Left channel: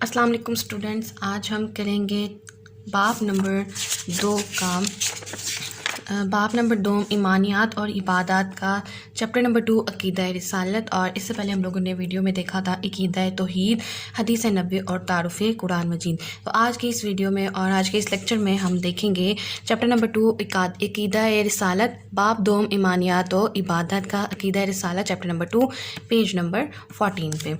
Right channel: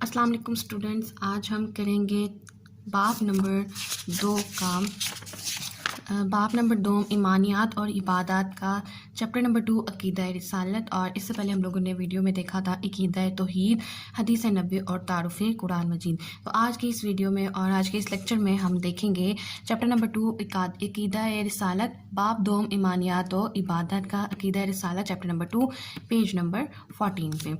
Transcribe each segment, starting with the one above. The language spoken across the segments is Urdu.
السلام علیکم اسٹوڈنٹس، آج ہم کریں گے باب نمبر 2 ایمانیات اور عبادات کا چیپٹر نمبر 2 عقیدہ رسالت۔ اور اس سے پہلے ہم لوگوں نے ویڈیو میں دیکھا تھا عقیدہ توحید، حدیث نبوی اور تعارف قرآن مجید۔ تو آج کی اس ویڈیو میں اور آج کے اس لیکچر میں ہم دیکھیں گے چیپٹر نمبر 2 عقیدہ رسالت، باب 2 ایمانیات و عبادات کا عقیدہ رسالت، چیپٹر نمبر 2 پیج نمبر 14 پہ۔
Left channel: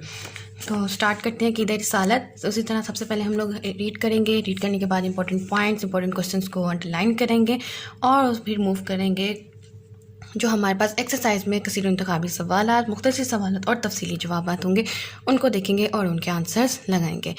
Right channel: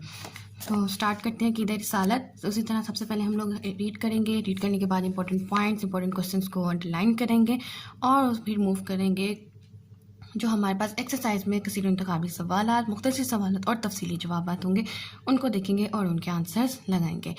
تو سٹارٹ کرتے ہیں عقیدہ رسالت۔ اسی طرح سب سے پہلے ہم لوگ ریڈ کریں گے، ریڈ کرنے کے بعد امپورٹنٹ پوائنٹس، امپورٹنٹ کوسچنس کو انڈر لائن کریں گے اور پھر موو کریں گے جو ہمارے پاس ایکسرسائز میں کثیر انتخابی سوالات، مختصر سوالات اور تفصیلی جوابات ہوں گے، ان کو دیکھیں گے اور ان کے آنسرز لگائیں گے۔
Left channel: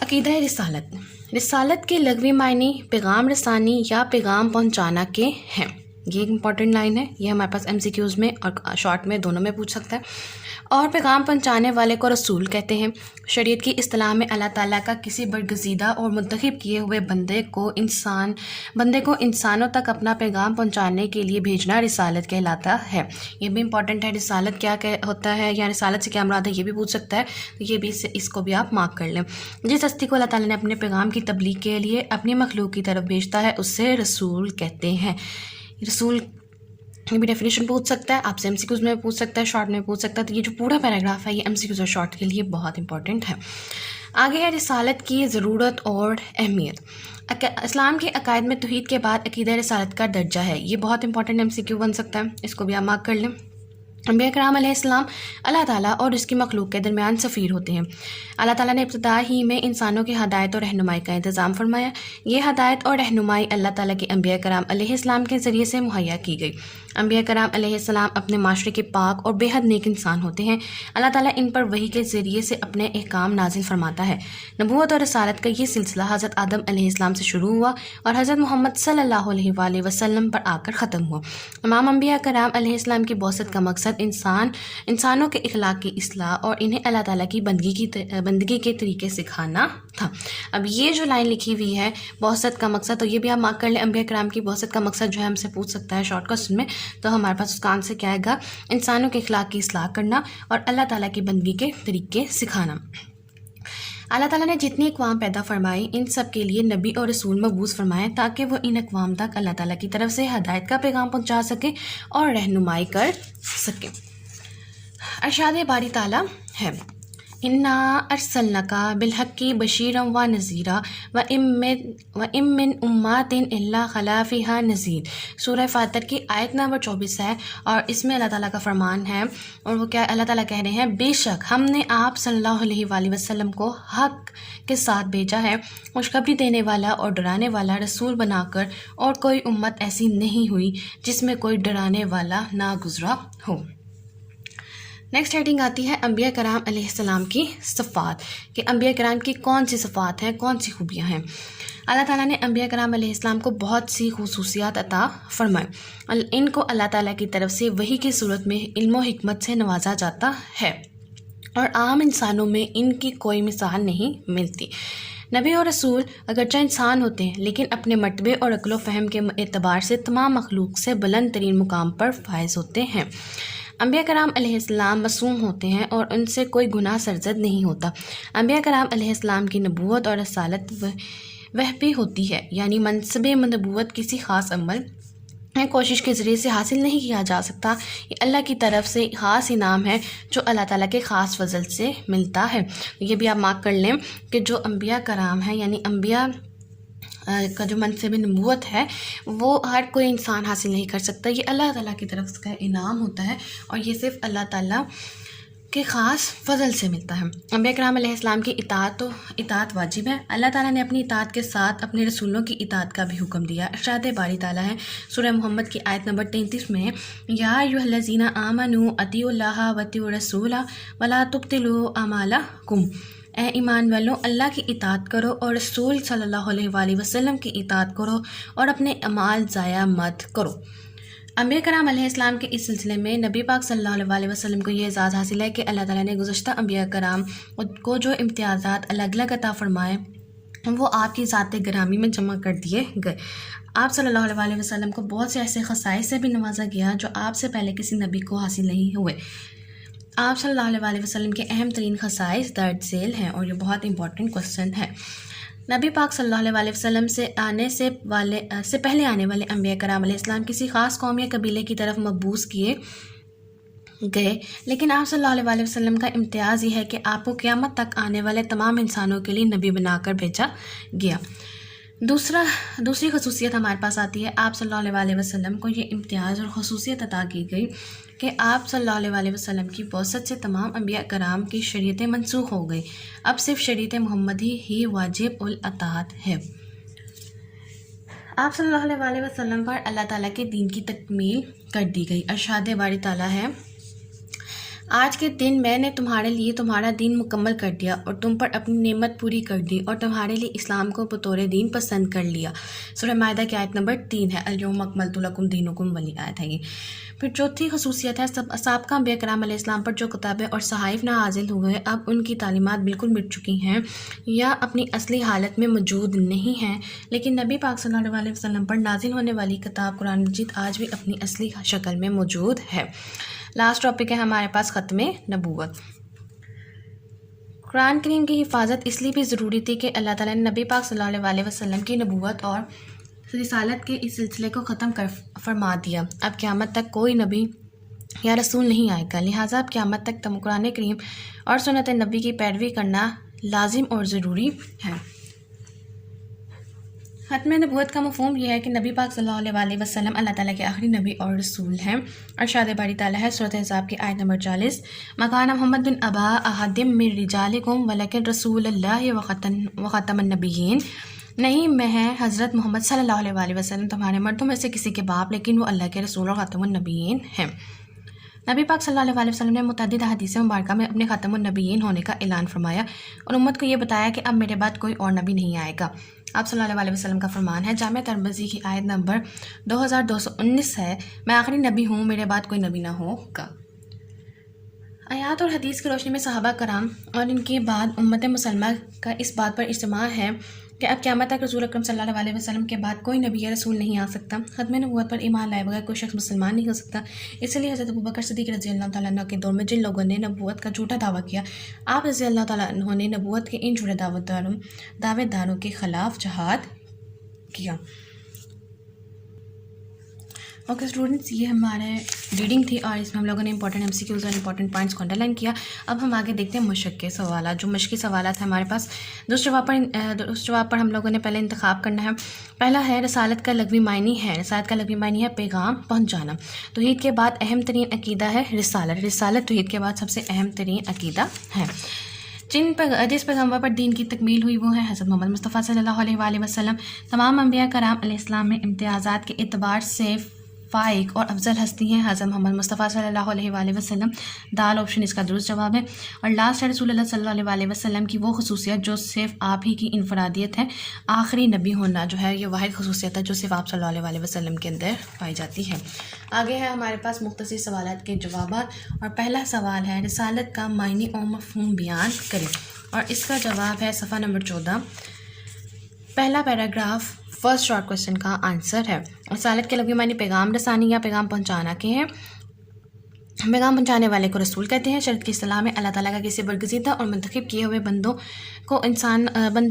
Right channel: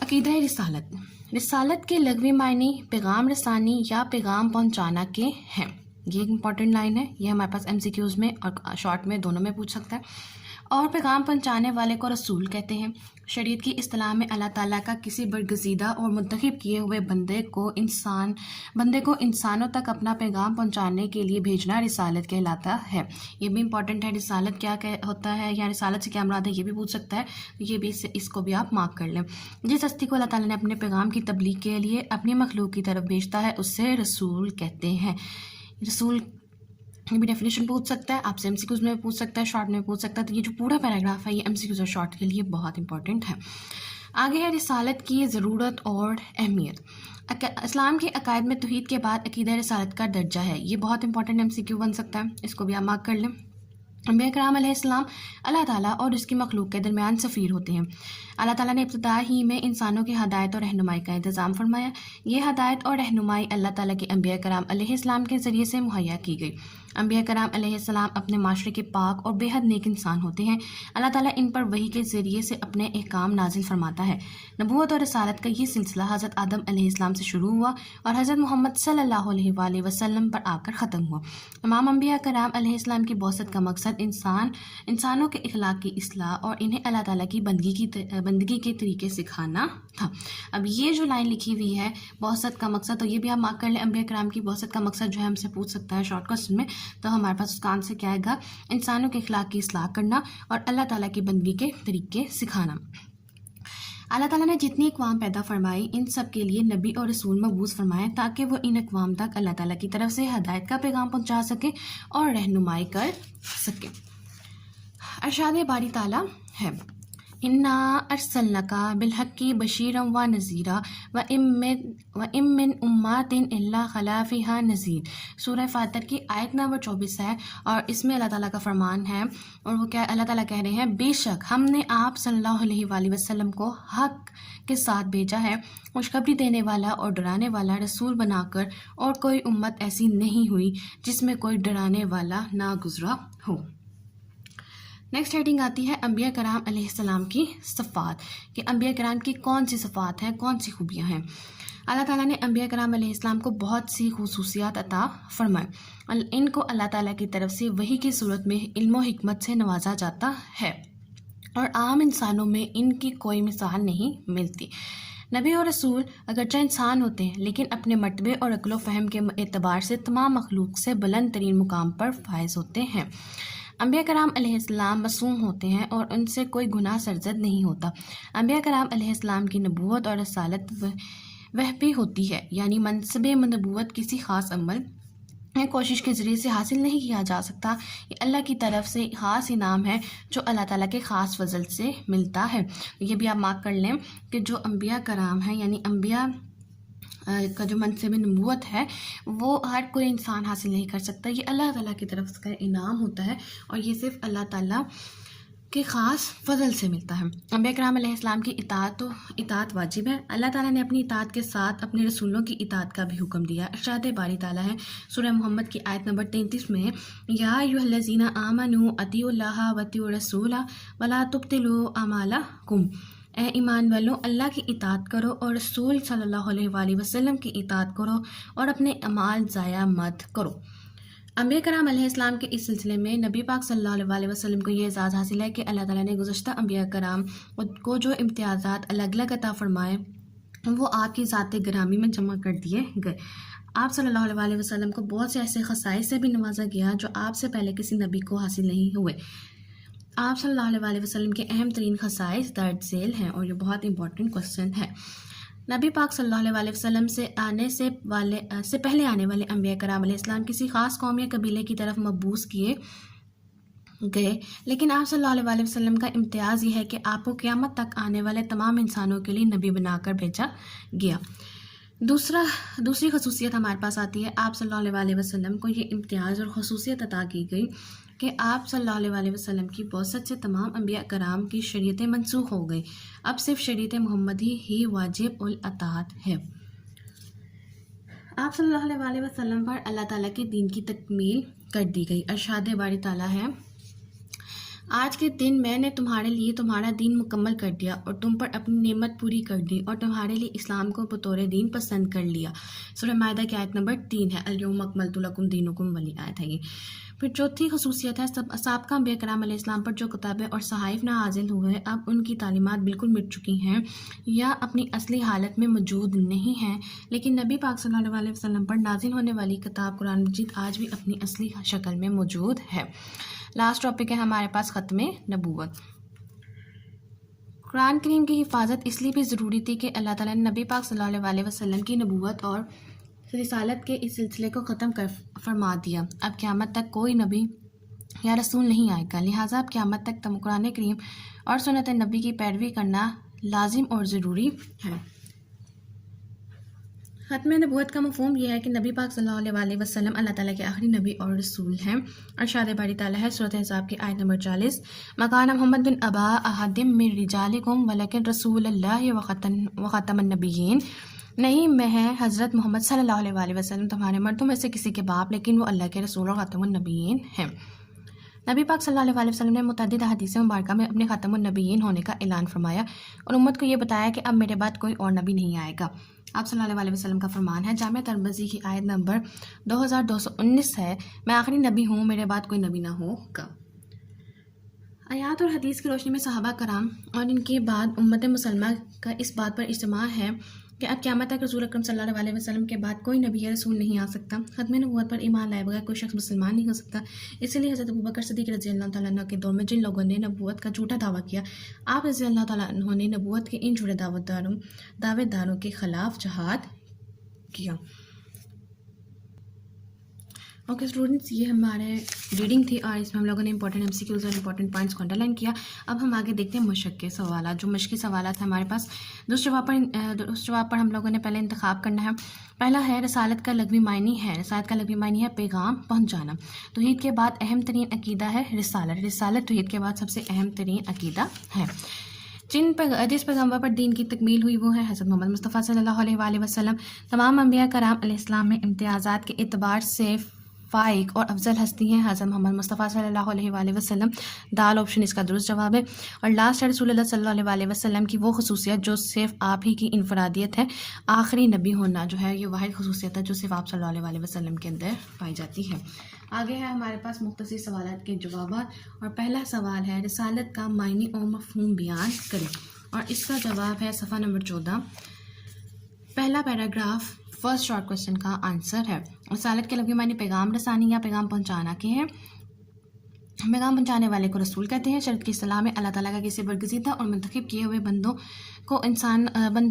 عقیدہ رسالت۔ رسالت کے لغوی معنی پیغام رسانی یا پیغام پہنچانا کے ہیں۔ یہ ایک امپورٹنٹ لائن ہے، یہ ہمارے پاس MCQs میں اور شارٹ میں دونوں میں پوچھ سکتا ہے۔ اور پیغام پہنچانے والے کو رسول کہتے ہیں۔ شریعت کی اصطلاح میں اللہ تعالیٰ کا کسی برگزیدہ اور منتخب کیے ہوئے بندے کو انسانوں تک اپنا پیغام پہنچانے کے لیے بھیجنا رسالت کہلاتا ہے۔ یہ بھی امپورٹنٹ ہے، رسالت کیا ہوتا ہے یا رسالت سے کیا مراد ہے، یہ بھی پوچھ سکتا ہے، تو یہ بھی اس کو بھی آپ مارک کر لیں۔ جس ہستی کو اللہ تعالیٰ نے اپنے پیغام کی تبلیغ کے لیے اپنی مخلوق کی طرف بھیجتا ہے اسے رسول کہتے ہیں۔ رسول یہ بھی ڈیفینیشن پوچھ سکتا ہے، آپ سے MCQs میں پوچھ سکتا ہے، شارٹ میں پوچھ سکتا ہے۔ تو یہ جو پورا پیراگراف ہے یہ MCQs اور شارٹ کے لیے بہت امپورٹنٹ ہے۔ آگے ہے رسالت کی ضرورت اور اہمیت۔ اسلام کے عقائد میں توحید کے بعد عقیدہ رسالت کا درجہ ہے۔ یہ بہت امپورٹنٹ MCQ بن سکتا ہے، اس کو بھی آپ مارک کر لیں۔ انبیاء کرام علیہ السلام اللہ تعالیٰ اور اس کی مخلوق کے درمیان سفیر ہوتے ہیں۔ اللہ تعالیٰ نے ابتدا ہی میں انسانوں کی ہدایت اور رہنمائی کا انتظام فرمایا۔ یہ ہدایت اور رہنمائی اللہ تعالیٰ کے انبیاء کرام علیہ السلام کے ذریعے سے مہیا کی گئی۔ انبیاء کرام علیہ السلام اپنے معاشرے کے پاک اور بے حد نیک انسان ہوتے ہیں۔ اللہ تعالیٰ ان پر وحی کے ذریعے سے اپنے احکام نازل فرماتا ہے۔ نبوت اور رسالت کا یہ سلسلہ حضرت آدم علیہ السلام سے شروع ہوا اور حضرت محمد صلی اللہ علیہ وآلہ وسلم پر آ کر ختم ہوا۔ تمام انبیاء کرام علیہ السلام کی بعثت کا مقصد انسانوں کے اخلاق کی اصلاح اور انہیں اللہ تعالیٰ کی بندگی کے طریقے سکھانا تھا۔ اب یہ جو لائن لکھی ہوئی ہے بعثت کا مقصد، تو یہ بھی آپ مارک کر لیں۔ انبیاء کرام کی بعثت کا مقصد جو ہے ہم سے پوچھ سکتا ہے شارٹ کوسچن میں، تو ہمارے پاس اس کا آنسر کیا آئے گا؟ انسانوں کے اخلاق کی اصلاح کرنا اور اللہ تعالیٰ کی بندگی کے طریقے سکھانا۔ اللہ تعالیٰ نے جتنی اقوام پیدا فرمائی ان سب کے لیے نبی اور رسول مبعوث فرمائے تاکہ وہ ان اقوام تک اللہ تعالیٰ کی طرف سے ہدایت کا پیغام پہنچا سکے اور رہنمائی کر سکے۔ ارشاد باری تعالیٰ ہے، انا ارسلناک بالحق بشیرا و نذیرا وان من امۃ الا خلا فیہا نذیر۔ سورہ فاتر کی آیت نمبر 24 ہے، اور اس میں اللہ تعالیٰ کا فرمان ہے، اور وہ کیا اللہ تعالیٰ کہہ رہے ہیں، بے شک ہم نے آپ صلی اللہ علیہ وآلہ وسلم کو حق کے ساتھ بھیجا ہے، خوشخبری دینے والا اور ڈرانے والا رسول بنا کر، اور کوئی امت ایسی نہیں ہوئی جس میں کوئی ڈرانے والا نہ گزرا ہو۔ نیکسٹ ہیڈنگ آتی ہے انبیاء کرام علیہ السلام کی صفات، کہ انبیاء کرام کی کون سی صفات ہیں، کون سی خوبیاں ہیں۔ اللہ تعالیٰ نے انبیاء کرام علیہ السلام کو بہت سی خصوصیات عطا فرمائے۔ ان کو اللہ تعالیٰ کی طرف سے وحی کی صورت میں علم و حکمت سے نوازا جاتا ہے، اور عام انسانوں میں ان کی کوئی مثال نہیں ملتی۔ نبی اور رسول اگرچہ انسان ہوتے ہیں لیکن اپنے مرتبے اور عقل و فہم کے اعتبار سے تمام مخلوق سے بلند ترین مقام پر فائز ہوتے ہیں۔ انبیاء کرام علیہ السلام معصوم ہوتے ہیں اور ان سے کوئی گناہ سرزد نہیں ہوتا۔ انبیاء کرام علیہ السلام کی نبوت اور رسالت وہ بھی ہوتی ہے، یعنی منصب نبوت کسی خاص عمل کوشش کے ذریعے سے حاصل نہیں کیا جا سکتا، یہ اللہ کی طرف سے خاص انعام ہے جو اللہ تعالیٰ کے خاص فضل سے ملتا ہے۔ یہ بھی آپ مارک کر لیں کہ جو انبیاء کرام ہیں، یعنی انبیاء کا جو منصب نبوت ہے وہ ہر کوئی انسان حاصل نہیں کر سکتا، یہ اللہ تعالیٰ کی طرف کا انعام ہوتا ہے، اور یہ صرف اللہ تعالیٰ کے خاص فضل سے ملتا ہے۔ انبیاء کرام علیہ السلام کی اطاعت واجب ہے۔ اللہ تعالیٰ نے اپنی اطاعت کے ساتھ اپنے رسولوں کی اطاعت کا بھی حکم دیا۔ ارشاد باری تعالیٰ ہے سورہ محمد کی آیت نمبر 33 میں، یا ایھا الذین آمنوا اطیعوا اللہ واطیعوا الرسول ولا تبطلوا اعمالکم۔ اے ایمان والوں، اللہ کی اطاعت کرو اور رسول صلی اللہ علیہ وآلہ وسلم کی اطاعت کرو اور اپنے اعمال ضائع مت کرو۔ انبیاء کرام علیہ السلام کے اس سلسلے میں نبی پاک صلی اللہ علیہ وآلہ وسلم کو یہ اعزاز حاصل ہے کہ اللہ تعالیٰ نے گزشتہ انبیاء کرام کو جو امتیازات الگ الگ عطا فرمائے وہ آپ کی ذات گرامی میں جمع کر دیے گئے۔ آپ صلی اللہ علیہ وآلہ وسلم کو بہت سے ایسے خصائص سے بھی نوازا گیا جو آپ سے پہلے کسی نبی کو حاصل نہیں ہوئے۔ آپ صلی اللہ علیہ وسلم کے اہم ترین خصائص درج ذیل ہیں اور یہ بہت امپورٹنٹ کوسچن ہے۔ نبی پاک صلی اللہ علیہ وسلم سے پہلے آنے والے انبیاء کرام علیہ السلام کسی خاص قوم یا قبیلے کی طرف مبعوث کیے گئے، لیکن آپ صلی اللہ علیہ وسلم کا امتیاز یہ ہے کہ آپ کو قیامت تک آنے والے تمام انسانوں کے لیے نبی بنا کر بھیجا گیا۔ دوسری خصوصیت ہمارے پاس آتی ہے، آپ صلی اللہ علیہ وسلم کو یہ امتیاز اور خصوصیت عطا کی گئی کہ آپ صلی اللہ علیہ وسلم کی بعثت سے تمام انبیاء کرام کی شریعتیں منسوخ ہو گئی، اب صرف شریعت محمدی ہی واجب الاطاعت ہے۔ آپ صلی اللہ علیہ وسلم پر اللہ تعالیٰ کے دین کی تکمیل کر دی گئی۔ ارشاد باری تعالیٰ ہے، آج کے دن میں نے تمہارے لیے تمہارا دین مکمل کر دیا اور تم پر اپنی نعمت پوری کر دی اور تمہارے لیے اسلام کو بطور دین پسند کر لیا۔ سورہ مائدہ کی آیت نمبر 3 ہے، الیوم اکملت لکم دینکم والی آیت ہے یہ۔ پھر چوتھی خصوصیت ہے، سابقہ انبیاء کرام علیہ السلام پر جو کتابیں اور صحائف نازل ہوئے اب ان کی تعلیمات بالکل مٹ چکی ہیں یا اپنی اصلی حالت میں موجود نہیں ہیں، لیکن نبی پاک صلی اللہ علیہ وسلم پر نازل ہونے والی کتاب قرآن مجید آج بھی اپنی اصلی شکل میں موجود ہے۔ لاسٹ ٹاپک ہے ہمارے پاس ختم نبوت۔ قرآن کریم کی حفاظت اس لیے بھی ضروری تھی کہ اللہ تعالیٰ نے نبی پاک صلی اللہ علیہ وسلم کی نبوت اور رسالت کے اس سلسلے کو ختم فرما دیا۔ اب قیامت تک کوئی نبی یا رسول نہیں آئے گا، لہٰذا اب قیامت تک قرآن کریم اور سنت نبی کی پیروی کرنا لازم اور ضروری ہے۔ ختم نبوت کا مفہوم یہ ہے کہ نبی پاک صلی اللہ علیہ وسلم اللہ تعالیٰ کے آخری نبی اور رسول ہیں۔ ارشاد باری تعالیٰ ہے، سورۃ احزاب کی آیت نمبر 40، مَا محمد بن ابا احد من رجالکم ولکن رسول اللہ وخاتم النبیین، نہیں میں ہے حضرت محمد صلی اللہ علیہ وسلم تمہارے مردوں میں سے کسی کے باپ، لیکن وہ اللہ کے رسول اور خاتم النبیین ہیں۔ نبی پاک صلی اللہ علیہ وسلم نے متعدد احادیث مبارکہ میں اپنے خاتم النبیین ہونے کا اعلان فرمایا اور امت کو یہ بتایا کہ اب میرے بعد کوئی اور نبی نہیں آئے گا۔ آپ صلی اللہ علیہ وسلم کا فرمان ہے، جامع ترمذی کی آیت نمبر 2219 ہے، میں آخری نبی ہوں، میرے بعد کوئی نبی نہ ہوگا۔ آیات اور حدیث کی روشنی میں صحابہ کرام اور ان کے بعد امت مسلمہ کا اس بات پر اجتماع ہے کہ اب قیامت تک رسول اکرم صلی اللہ علیہ وسلم کے بعد کوئی نبی یا رسول نہیں آ سکتا۔ ختم نبوت پر ایمان لائے بغیر کوئی شخص مسلمان نہیں ہو سکتا۔ اس لیے حضرت ابوبکر صدیق رضی اللہ تعالیٰ عنہ کے دور میں جن لوگوں نے نبوت کا جھوٹا دعویٰ کیا، آپ رضی اللہ تعالیٰ عنہ نے نبوت کے ان جھوٹے دعوے داروں کے خلاف جہاد کیا۔ اوکے اسٹوڈنٹس، یہ ہمارے ریڈنگ تھی اور اس میں ہم لوگوں نے امپورٹنٹ MCQs اور امپورٹنٹ پوائنٹس کو انڈر لائن کیا۔ اب ہم آگے دیکھتے ہیں مشق کے سوالات۔ جو مشقی سوالات ہیں ہمارے پاس، اس جواب پر ہم لوگوں نے پہلے انتخاب کرنا ہے۔ پہلا ہے، رسالت کا لغوی معنی ہے۔ رسالت کا لغوی معنی ہے پیغام پہنچانا۔ توحید کے بعد اہم ترین عقیدہ ہے رسالت۔ رسالت توحید کے بعد سب سے اہم ترین عقیدہ ہے۔ جس پیغمبر پر دین کی تکمیل ہوئی وہ ہے حضرت محمد مصطفیٰ صلی اللہ علیہ وسلم۔ تمام انبیاء کرام علیہ السلام میں امتیازات کے اعتبار سے فائق اور افضل ہستی ہیں حضرت محمد مصطفیٰ صلی اللہ علیہ وسلم۔ دال آپشن اس کا درست جواب ہے۔ اور لاسٹ ہے رسول اللہ صلی اللہ علیہ وسلم کی وہ خصوصیت جو صرف آپ ہی کی انفرادیت ہے۔ آخری نبی ہونا جو ہے یہ واحد خصوصیت ہے جو صرف آپ صلی اللہ علیہ وسلم کے اندر پائی جاتی ہے۔ آگے ہے ہمارے پاس مختصر سوالات کے جوابات، اور پہلا سوال ہے، رسالت کا معنی اور مفہوم بیان کریں، اور اس کا جواب ہے صفحہ نمبر 14، پہلا پیراگراف فرسٹ شارٹ کوشچن کا آنسر ہے۔ رسالت کے لغوی معنی پیغام رسانی یا پیغام پہنچانا کے ہیں۔ پیغام پہنچانے والے کو رسول کہتے ہیں۔ شریعت کی اصطلاح میں اللہ تعالیٰ کا کسی برگزیدہ اور منتخب کیے ہوئے بندے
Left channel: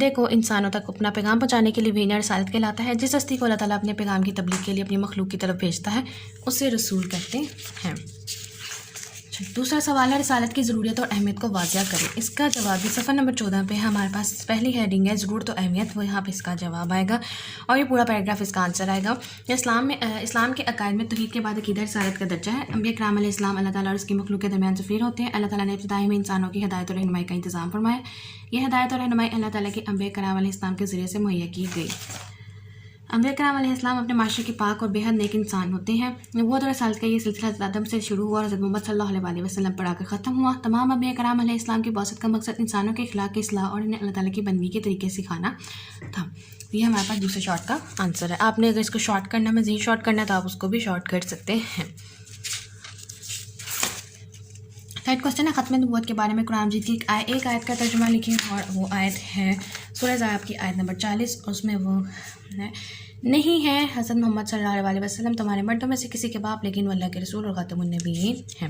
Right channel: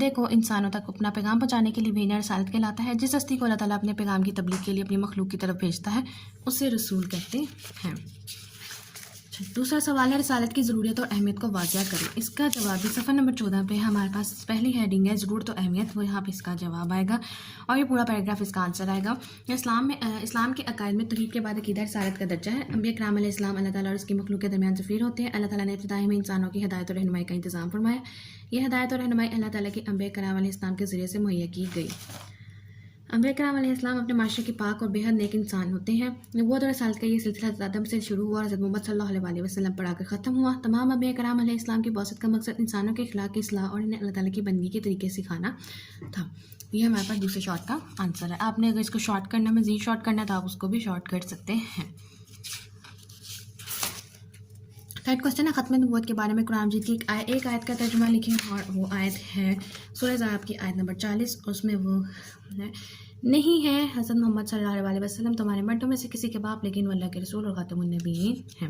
کو انسانوں تک اپنا پیغام پہنچانے کے لیے بھیجنا رسالت کہلاتا ہے۔ جس ہستی کو اللہ تعالیٰ اپنے پیغام کی تبلیغ کے لیے اپنی مخلوق کی طرف بھیجتا ہے اسے رسول کہتے ہیں۔ دوسرا سوال ہے، رسالت کی ضرورت اور اہمیت کو واضح کریں۔ اس کا جواب بھی صفحہ نمبر 14 پہ ہمارے پاس پہلی ہیڈنگ ہے ضرورت و اہمیت، وہ یہاں پہ اس کا جواب آئے گا اور یہ پورا پیراگراف اس کا آنسر آئے گا۔ اسلام کے عقائد میں توحید کے بعد عقیدہ رسالت کا درجہ ہے۔ انبیاء کرام علیہ السلام اللہ تعالیٰ اور اس کی مخلوق کے درمیان سفیر ہوتے ہیں۔ اللہ تعالیٰ نے ابتدائی میں انسانوں کی ہدایت اور رہنمائی کا انتظام فرمایا۔ یہ ہدایت اور رہنمائی اللہ تعالیٰ کے انبیاء کرام علیہ السلام کے ذریعے سے مہیا کی گئی۔ انبیاء کرام علیہ السلام اپنے معاشرے کے پاک اور بے حد نیک انسان ہوتے ہیں۔ نبوت اور رسالت کا یہ سلسلہ حضرت آدم سے شروع ہوا اور حضرت محمد صلی اللہ علیہ وسلم پر آ کر ختم ہوا۔ تمام انبیاء کرام علیہ السلام کی بعثت کا مقصد انسانوں کے اخلاق کی اصلاح اور انہیں اللہ تعالیٰ کی بندگی کے طریقے سکھانا تھا۔ یہ ہمارے پاس دوسرے شارٹ کا آنسر ہے۔ آپ نے اگر اس کو شارٹ کرنا ہے، مزید شارٹ کرنا ہے تو آپ اس کو بھی شارٹ کر سکتے ہیں۔ تھرڈ کوسچن ہے، ختم نبوت کے بارے میں قرآن مجید کی ایک آیت کا ترجمہ لکھیں، اور وہ آیت ہے سورہ احزاب کی آیت نمبر 40، اس میں وہ نہیں ہے حضرت محمد صلی اللہ علیہ وسلم تمہارے مردوں میں سے کسی کے باپ، لیکن وہ اللہ کے رسول اور خاتم النبیین ہیں۔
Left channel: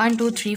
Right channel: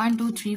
1 2 3